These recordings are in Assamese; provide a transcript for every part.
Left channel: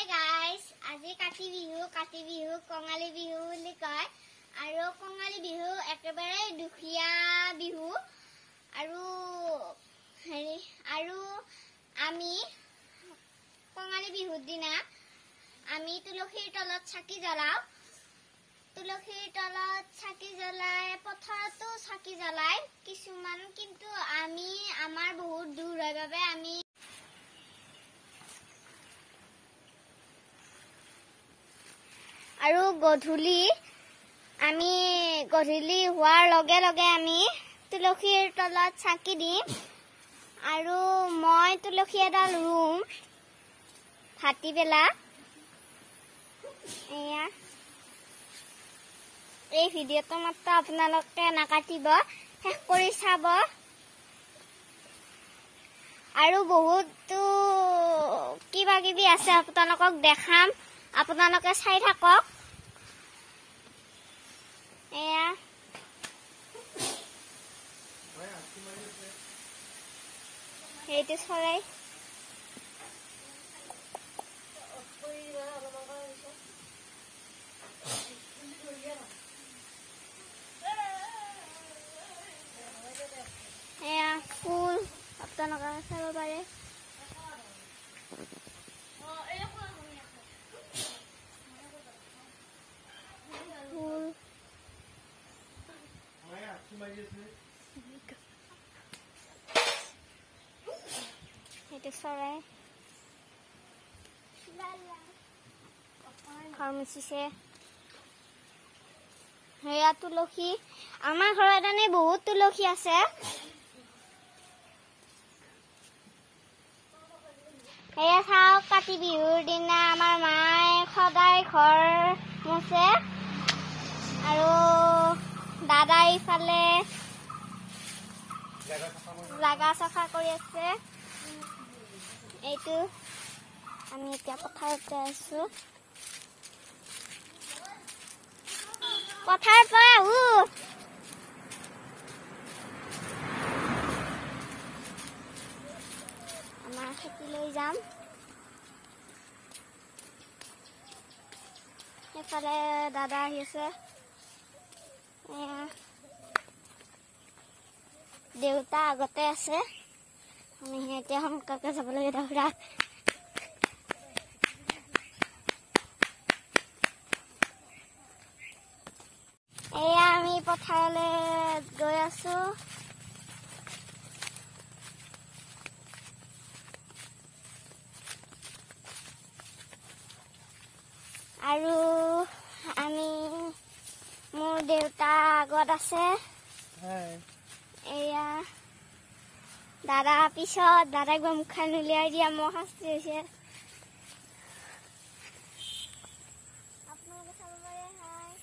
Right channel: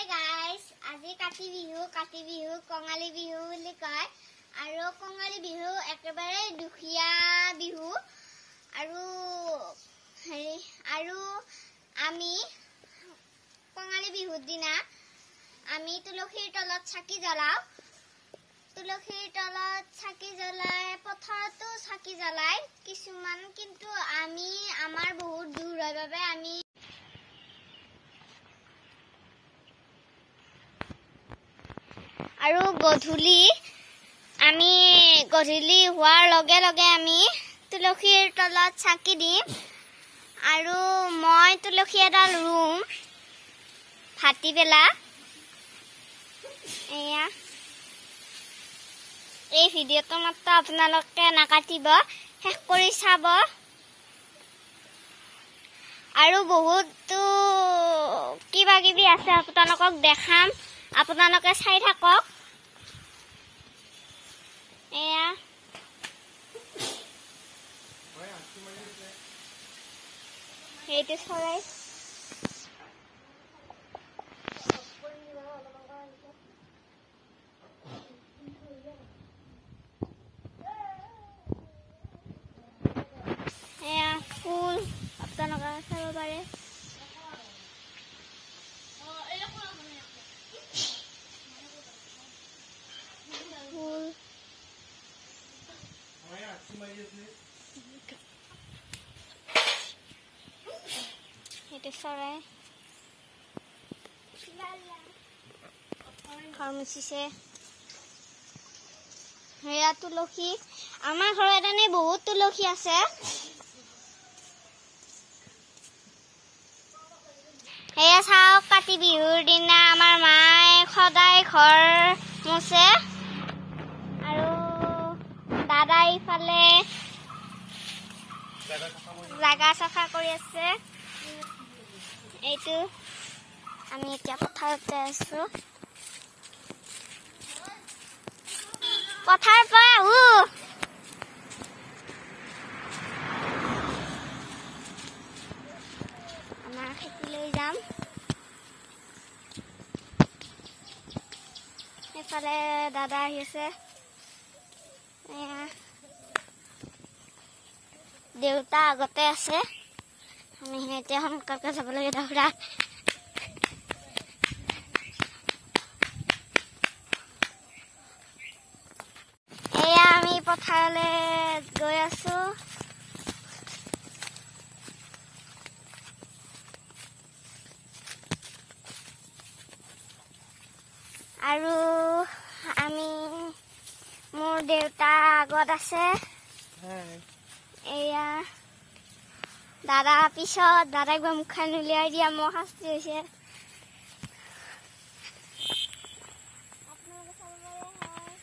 Hey guys, আজি কাতি বিহু কঙালী বিহু বুলি কয় আৰু কঙালী বিহু একেবাৰে দুখিয়া বিহু আৰু আমি কঙালী বিহুৰ দিনা আমি তুলসীৰ তলত চাকি জ্বলাও পথাৰতো চাকি জ্বলাই কিছুমান কিন্তু আমি আমাৰ বহুত দূৰ হয় বাবে আমি আৰু গধূলি হোৱাৰ লগে লগে আমি তুলসীৰ তলত চাকি দিম আৰু মই তুলসী এডাল ৰুম ভাটিবেলা এয়া এই ভিডিঅ'টো মাত্ৰ আপোনালোকে নাকাটিব শেষ কৰি চাব আৰু বহুতো কিবা কিবি আছে আপোনালোকক দেখাম আপোনালোকে চাই থাকক এয়া এইটো চৰাই এয়া ফুল আপোনালোকে চাব পাৰে itu sore farmasi se heya tuloki amar ghorat ane bahut tuloki ase heya sao kati bihur dina amar mai khodai ghor muse aru dadai fale jaga safa kori ase এইটো আমি এতিয়া পথাৰতে আছো পথাৰ পৰা আমাৰ খেতিলৈ যাম এফালে দাদা আহিছে দেউতা আগতে আছে আমি এতিয়া সোনকালে যাব লাগে দাদা এয়া আমি পথাৰলৈ গৈ আছো আৰু আমি মোৰ দেউতা আগত আছে এয়া দাদা পিছত দাদাক মুখখন উলিয়াই দিয়া মোৰ শাস্তি হৈছে আপোনালোকে চাব পাৰে হয়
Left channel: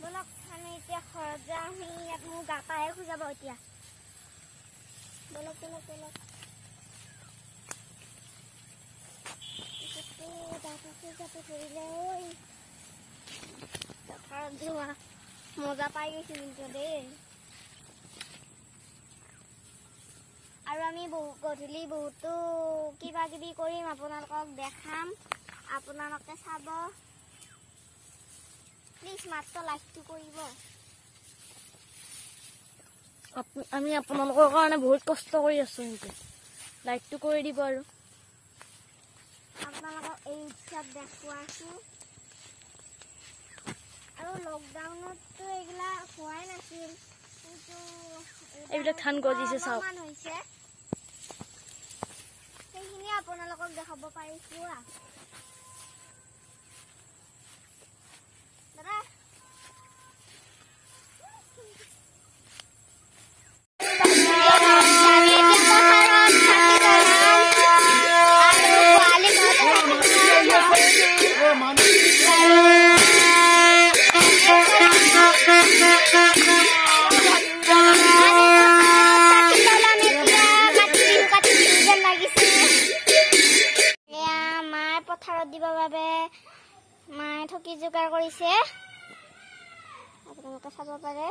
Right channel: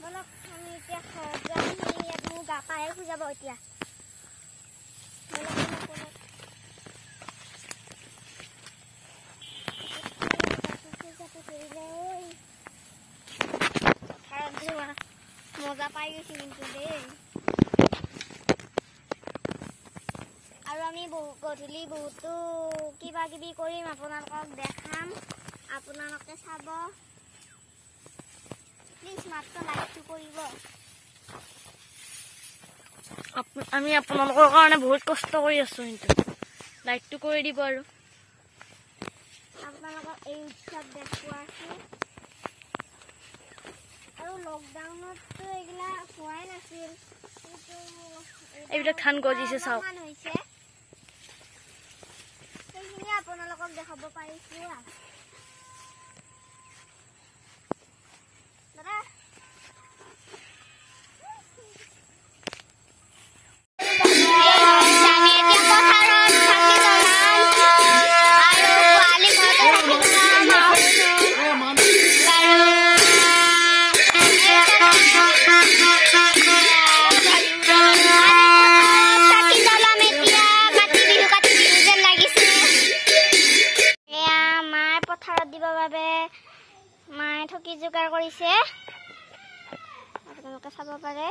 বলক আমি এতিয়া ঘৰত যাম আপুনি দাপাহে খুজাব এতিয়া মজা পাই গৈছি কিন্তু দেই আৰু আমি গধূলি বহুতো কিবা কিবি কৰিম আপোনালোকক দেখাম আপোনালোকে চাব প্লিজ মাত্ৰ লাইকটো কৰিব আমি আপোনালোকৰ কাৰণে বহুত কষ্ট কৰি আছো কিন্তু লাইকটো কৰি দিব আৰু আপোনালোকক এই উৎসৱ দেখুৱাইছো আৰু লকডাউনতো এইগিলা হোৱাই নাছিল কিন্তু এইবিলাক ধান গজিছে চাওক সেইখিনি আপোনালোকক দেখাব পাৰিছো দাদা দিবৰ বাবে মায়ে ঠকি যোগাৰ কৰিছে আপোনালোকে চাব পাৰে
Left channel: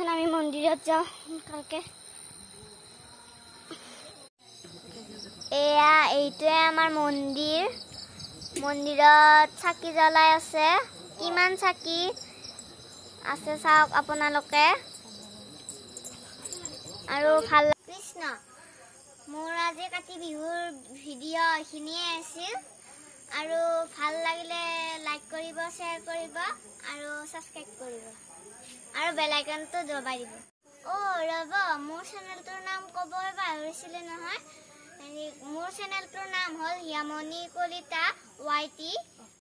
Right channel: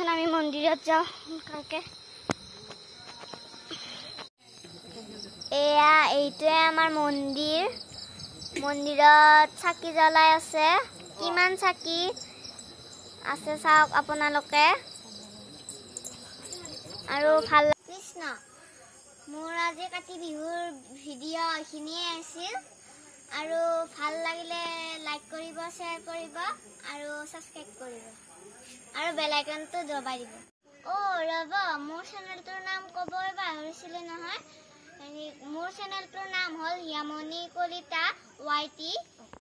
বলচোন আমি মন্দিৰত যাওঁ সোনকালকে এয়া এইটোৱে আমাৰ মন্দিৰত চাকি জ্বলাই আছে কিমান চাকি আছে চাওক আপোনালোকে আৰু ভাল কৃষ্ণ মোৰ আজি কাতি বিহুৰ ভিডিঅ' এইখিনিয়ে আছিল আৰু ভাল লাগিলে লাইক কৰিব শ্বেয়াৰ কৰিব আৰু সাবস্ক্ৰাইব কৰিব আৰু বেল আইকনটো দবাই দিব ৰব মোৰ চেনেলটোৰ নাম ক'বই পাহৰিছিলোঁ নহয় মোৰ চেনেলটোৰ নাম হ'ল হিয়ামণি কলিতা YT